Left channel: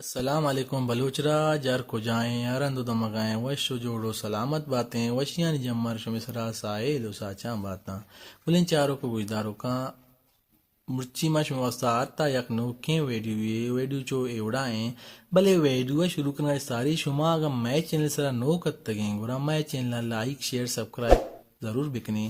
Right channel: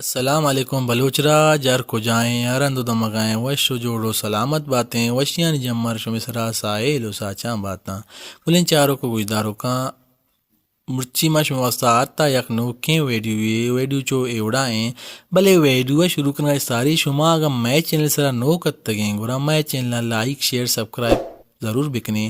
السلام علیکم بلوچ راج جر کو جائیں ارند دمگائیں وش جوڑو سلامت باتیں وشیاں جمر شمسرا سائل و ساچاں باتاں کلین چاروں کو گجداروں کا مرچی مش واسطہ آتا یک نوکیں ویڈیو چو ایوڑا ہیں بلے ویڈیو شروع کرنا ساری شما اگر میں چینل سرا نو کت تگیں گورا میں چینل لائک شیئر سبسکرائب ضرور بکنے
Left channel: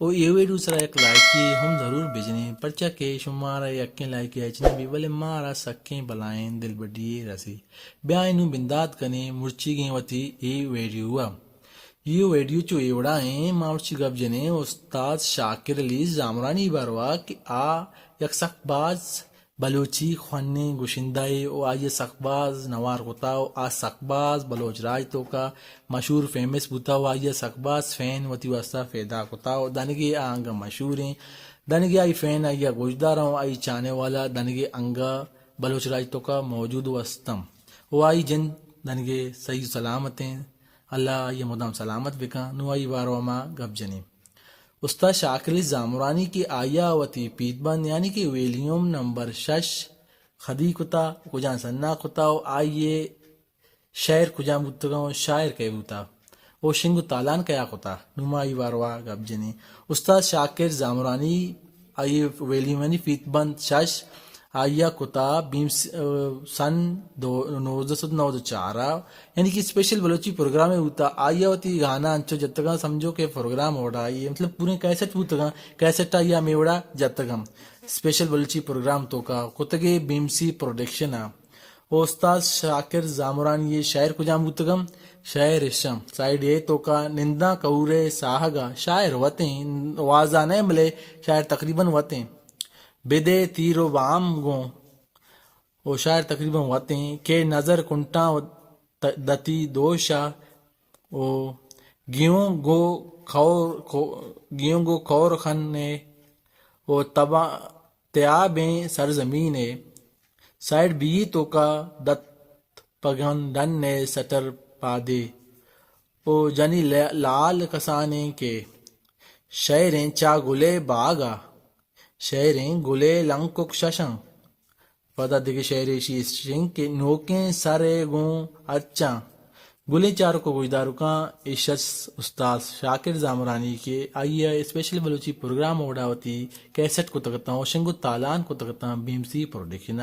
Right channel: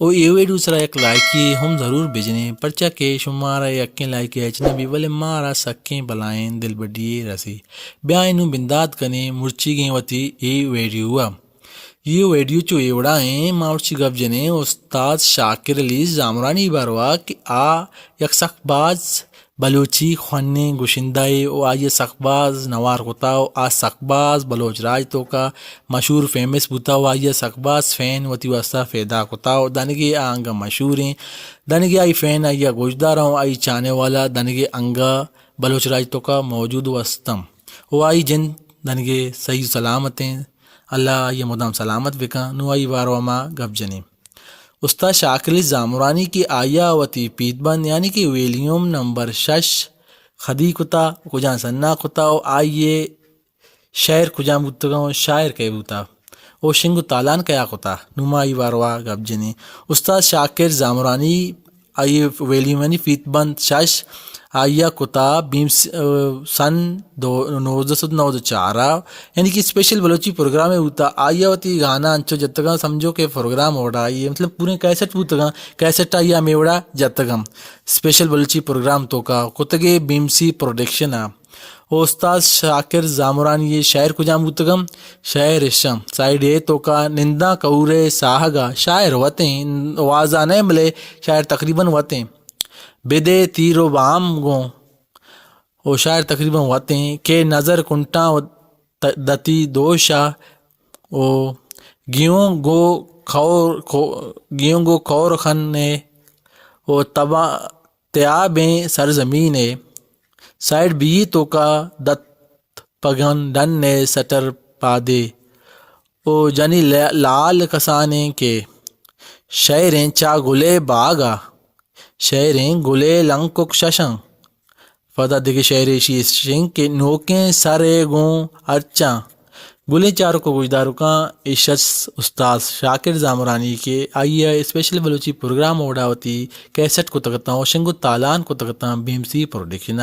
او یہ ویڈیو سرا ایک لائکی ہم ضرور بھیجنے پرچا کہ شمارا یکیں لائک ایچنے بھی بلے مارا سکیں بلائیں دل بڈیے رسی بیائنو بنداد کنے مرچی گیں وتی یہ ویڈیو چو ایوڑا ہیں ماورچی گب جنے استاد شاکر علی زامرانی باروا کہ یک سخت باز بلوچی خوانے گوشندائے او آئیے سخت باز نوار غتاو سخت باز بلوچ راج تو کا مشہور فیمس بوتاو آئیے سخت باز فین وتی واسطہ فیدا کتاو دنگے آنگا مشہور ہیں دنگے آئی فین آئیے گوشدار ہوں آئی چانے والا دنگے انگا بلوچ راج تو کا موجود وستم او آئی جن دنگے صحیح سلامت ہیں اللہ یہ مدام سلامت بکا نو آئی بارو ما گب جنیم استاد شاکر علی زامرانی کی آیا وتی پیت بند یعنی کہ ویلیوم نمبر 6 خدی کتا کجان سنا کتا آئیے شعر کجان بوتگا شاعر کے بوتا او شنگ تالان کیا کتا نما ای باروا گب جنی استاد شاکر زامرانی آئیے ویلیوم یعنی پیت بند 6 آیا کتا سن 1994 یعنی کہ اسپیشل بلوچی پروگرام ہوتا آیا وتی گانا انچو جتگا سمجھو کہ پروگرام اوڑا یہ مطلب پورے کیسٹ بوتگا کیسٹ آیا میوڑا جتگم اسپیشل بلوچی پروگرام تو کا کتگے BMC پروڈکشن استاد شاکر زامرانی یہ شاعر کجام بوتگم شاعر اشم سائیڈ اے تو کا نندا کورے ساہگا شاعر وتیں وازانے ملے شاعر تقریباً وتیں بدے تیرو بام گوں او شاعر تقریباً وتیں کہ نظر کنٹاں دتی دوشا او گیوں گو کور خنے او تبا تیابیں سرزمینے سائڈ بی تو کا دت پگن ڈن نے سٹر پادے او جنی لال کسانے کے شعریں چا گلے باغا شعریں گلے لنکک ششن فدا دیکھے شعر شنگ کے نوکیں سرے گوں ارچاں گلے چاروں کو گجداروں کا عشت استاد شاکر زامرانی کے آئیے اسپیشل بلوچی پروگرام اوڑاوتی کیسٹ کو تگتا ہوں شنگو تالان کو تگتا ہوں BMC پروڈکشن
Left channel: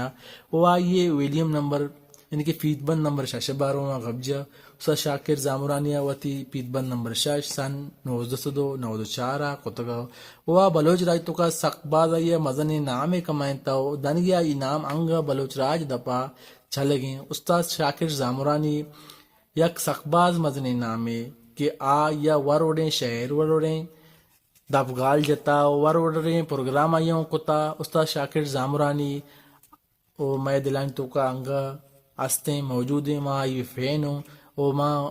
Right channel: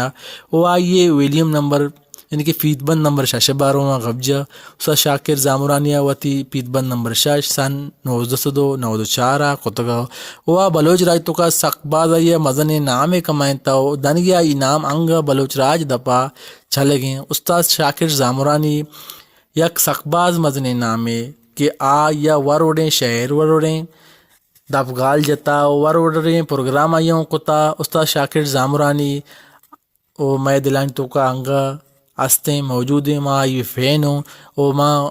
وہ آئیے ویلیوم نمبر یعنی کہ فیت بند نمبر 6 باروں غبجہ استاد شاکر زامرانی وتی پیت بند نمبر 6 سن 1994 کتگا وہ بلوچ راج تو کا سخت باز آئیے مزن نام کمائنتا ہو دنگیا انعام انگا بلوچ راج دپا چلے گئے استاد شاکر زامرانی یک سخت باز مزن نامے کہ یا وروڑیں شعر وروڑیں دفگال جتا وروڑیں پروگرام آئیوں کتا استاد شاکر زامرانی او میں دلائن تو کا انگا ہستیں موجود ہیں ماں یہ فین ہوں او ماں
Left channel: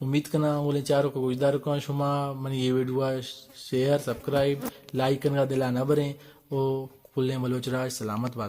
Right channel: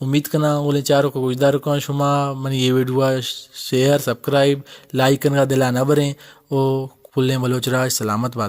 امید کرنا بولے چاروں کو گجدار کو شما منی یہ ویڈیو شیئر سبسکرائب لائک کرنا دلا نہ بریں او کھلیں بلوچ راج سلامت بات